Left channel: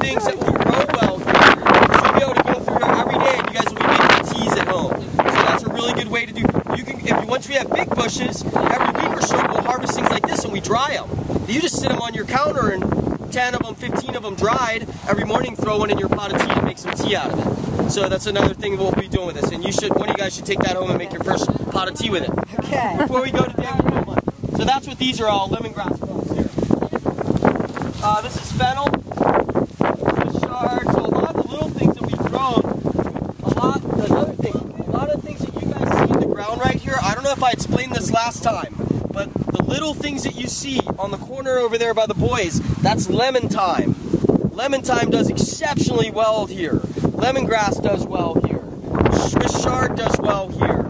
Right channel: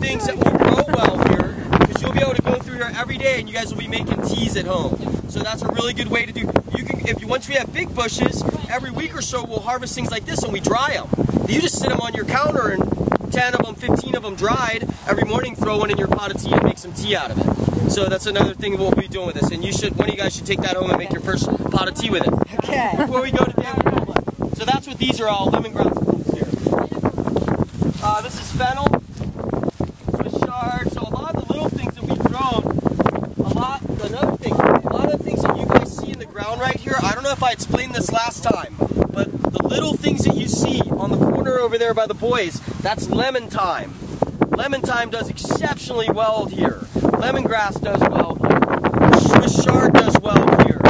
things that will grow well here. You'll be able to go through here every day and you guys will be making teas at home. So that's a really good way to do. You can, once we have big bushes, every week or so we'll harvest things like this and we dry them. You just sit them on your counter and 10 of them, 15 of them dried. Every morning throw one in your pot of tea and make some tea out of it. So that's another thing we'll be doing with this. And you should, one of you guys should take that home and make your first pot of tea with it. Okay. Before we go today, we'll do one. So that's what these are all, lemongrass plants here. This is fennel, Swiss chard. So a lot of the little things that we've grown, another thing, a lot of things that you guys see in the ground right here, I don't know if I explained this last time, but the little things that you see on the corner over there by the boys, that's lemon thyme. Lemon thyme does exceptionally well here. Lemongrass does well here. Swiss chard does well here.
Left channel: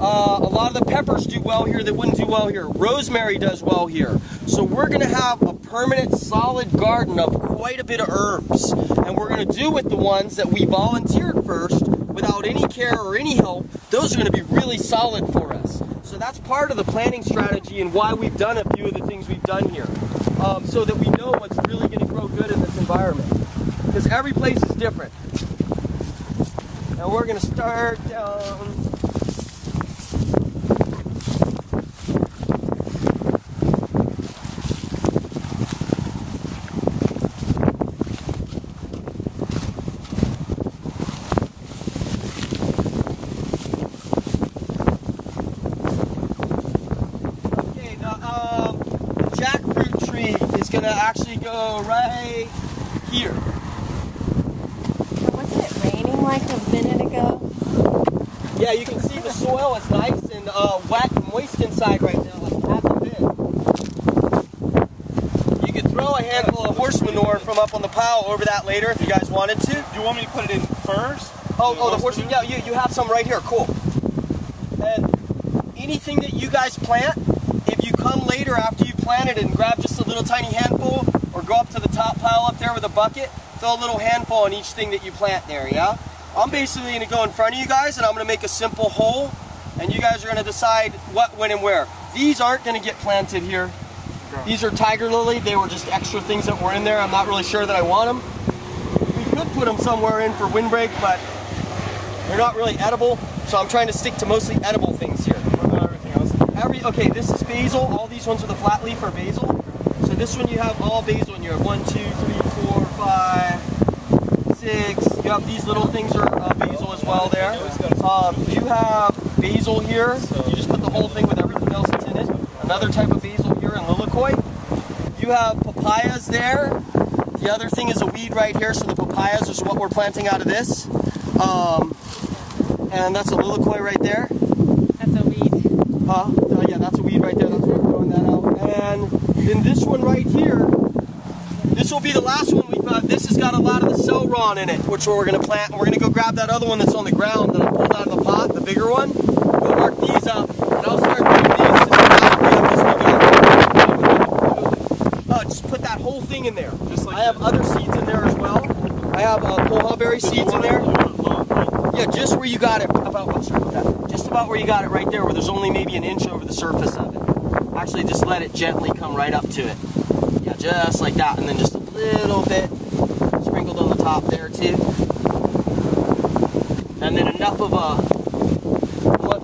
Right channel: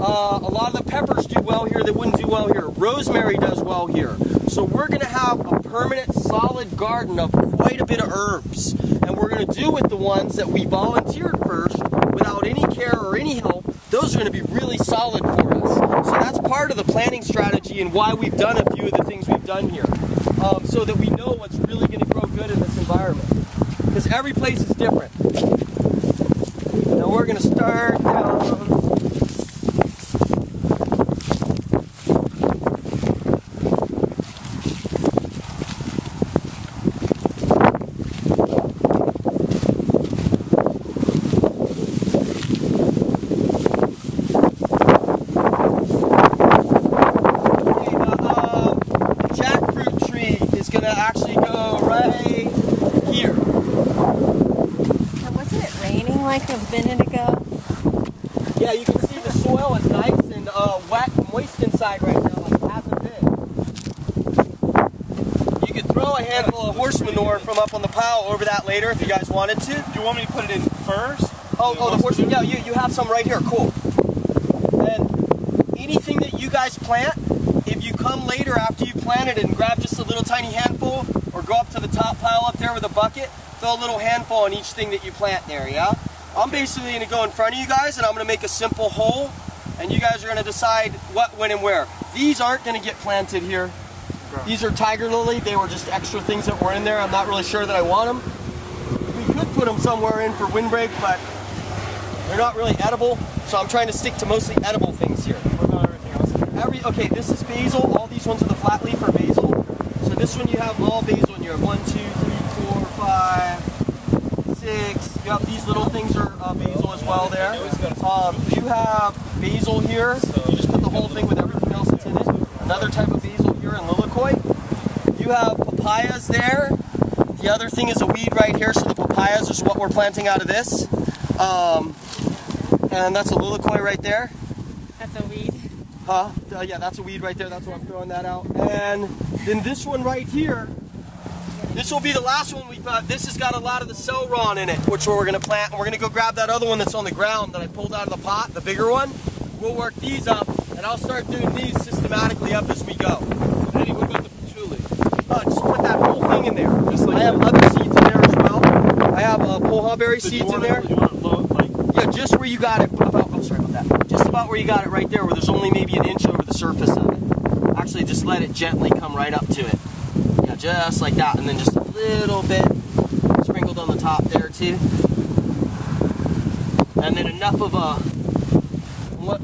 A lot of the peppers do well here that wouldn't do well here. Rosemary does well here. So we're going to have a permanent, solid garden of quite a bit of herbs. And we're going to do with the ones that we volunteered first, without any care or any help, those are going to be really solid for us. So that's part of the planting strategy and why we've done a few of the things we've done here. So that we know what's really going to grow good in this environment. Because every place is different. Now we're going to start down. Gonna actually go right here. Now, wasn't it raining like a minute ago? Yeah, you can see the soil is nice and wet and moist inside right now, like half of it. You could throw a handful of horse manure from up on the pile over that later if you guys wanted to. Do you want me to put it in first? Oh, the horse manure? Yeah, you have some right here. Cool. And anything that you guys plant, if you come later after you plant it and grab just a little tiny handful, or go up to the top pile up there with a bucket, throw a little handful on each thing that you plant there, yeah? I'm basically going to go in front of you guys and I'm going to make a simple hole, and you guys are going to decide what, when, and where. These aren't going to get planted here. These are tiger lily. They were just extra things that were in there. I'm not really sure that I want them. We could put them somewhere in for windbreak, but they're not really edible, so I'm trying to stick to mostly edible things here. Okay, this is basil. All these ones are the flat leaf or basil. So this one you have all basil in here. 1, 2, 3, 4, 5, 6. You have these little things are basil as well there. You have basil here. You just put the whole thing with everything else that's in it. Another type of basil here in lilikoi. You have papayas there. The other thing is a weed right here. So the papayas is what we're planting out of this. And that's a lilikoi right there. That's a weed. Yeah, that's a weed right there. That's why I'm throwing that out. And then this one right here, this will be the last one we've got. This has got a lot of the celeron in it, which we're going to plant. And we're going to go grab that other one that's on the ground that I pulled out of the pot, the bigger one. We'll mark these up, and I'll start doing these systematically up as we go. Just put that whole thing in there. Just like I have other seeds in there as well. I have pohawberry seeds in there. Yeah, just where you got it. Just about where you got it right there, where there's only maybe an inch over the surface of it. Actually, just let it gently come right up to it. Yeah, just like that, and then just a little bit sprinkled on the top there too. And then enough of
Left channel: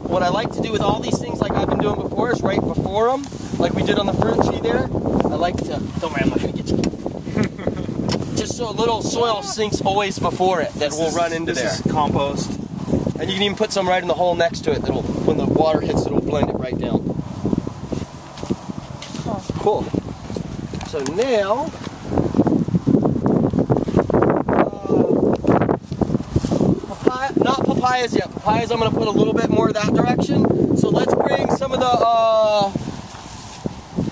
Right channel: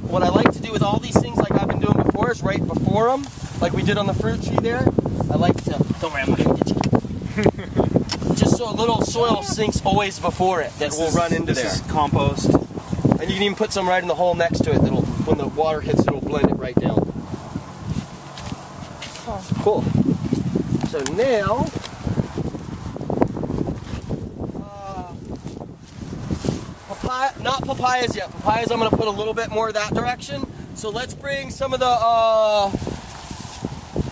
what I like to do with all these things, like I've been doing before, is right before them, like we did on the fruit tree there. I like to. Don't worry, I'm not gonna get you. Just so a little soil sinks always before it that will run into there. This is compost. And you can even put some right in the hole next to it. That'll, when the water hits, it'll blend it right down. Cool. So now, not papayas yet. Papayas, I'm going to put a little bit more that direction. So let's bring some of the,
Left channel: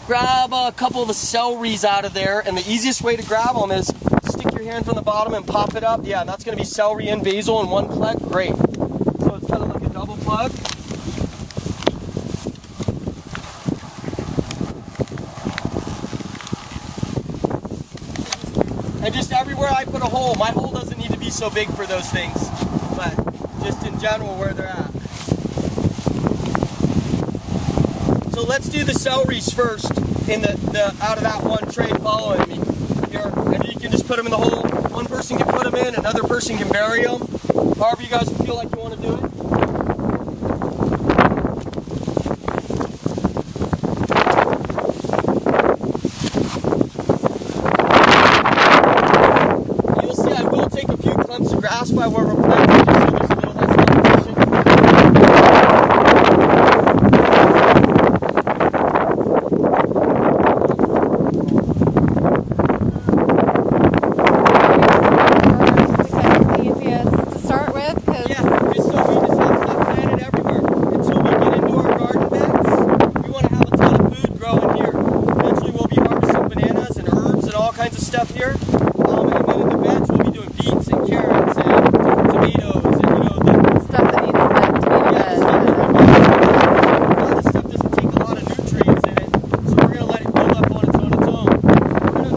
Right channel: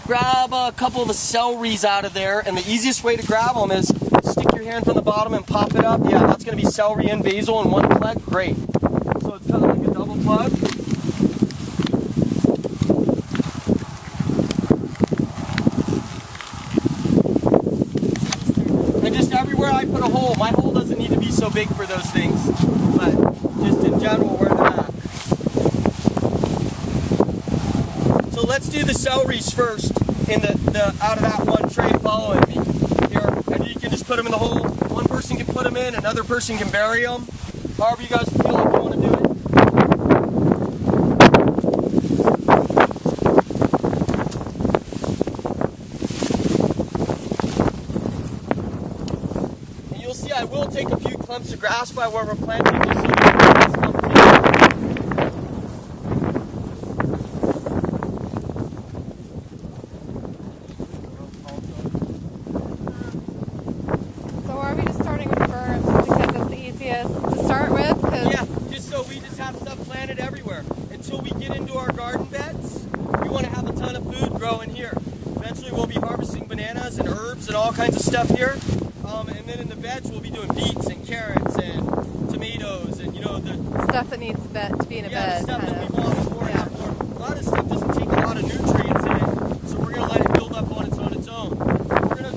grab a couple of the celeries out of there. And the easiest way to grab them is stick your hand from the bottom and pop it up. Yeah, that's going to be celery and basil in one plug. Great. So it's kind of like a double plug. And just everywhere I put a hole, my hole doesn't need to be so big for those things, but just in general where they're at. So let's do the celeries first in the out of that one tray following me. Here, and you can just put them in the hole, one in, another person can bury them. However you guys feel like you want to do it. You'll see I will take a few clumps of grass by where we're planting just so we can get that stuff. All kinds of stuff here, and then in the veg we'll be doing beets and carrots and tomatoes and the stuff that needs to be in a bed. A lot of stuff doesn't take a lot of nutrients in it, so we're going to let it build up on its own. We're going to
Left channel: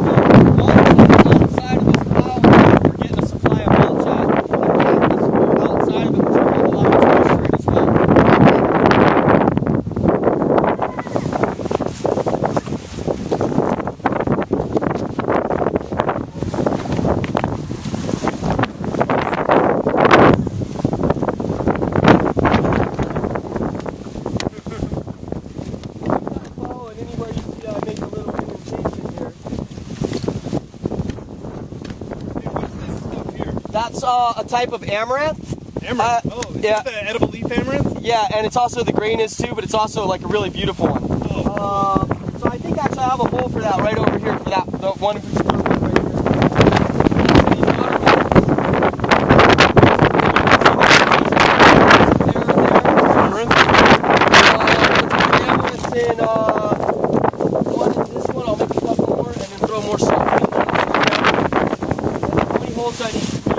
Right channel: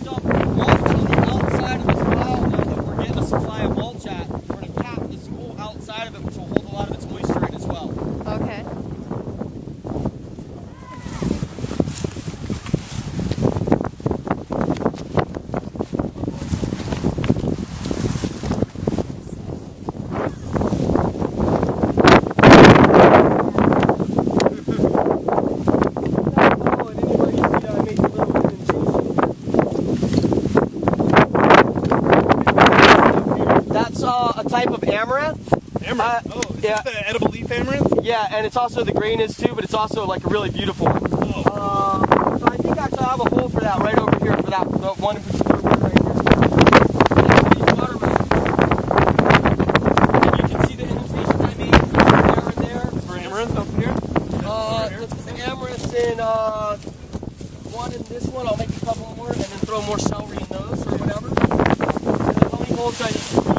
mulch on the outside of this pile where we're getting a supply of mulch at. We're going to plant this outside of it, which will hold a lot of its moisture in as well. That's a type of amaranth. Amaranth? Is this the edible leaf amaranth? Yeah, and it's also, the grain is too, but it's also like a really beautiful one. Oh. So I think actually I have a hole for that right over here, for that, the one in particular right here. In one in this one, I'll make a couple more and then throw more stuff in those. How many holes do I need?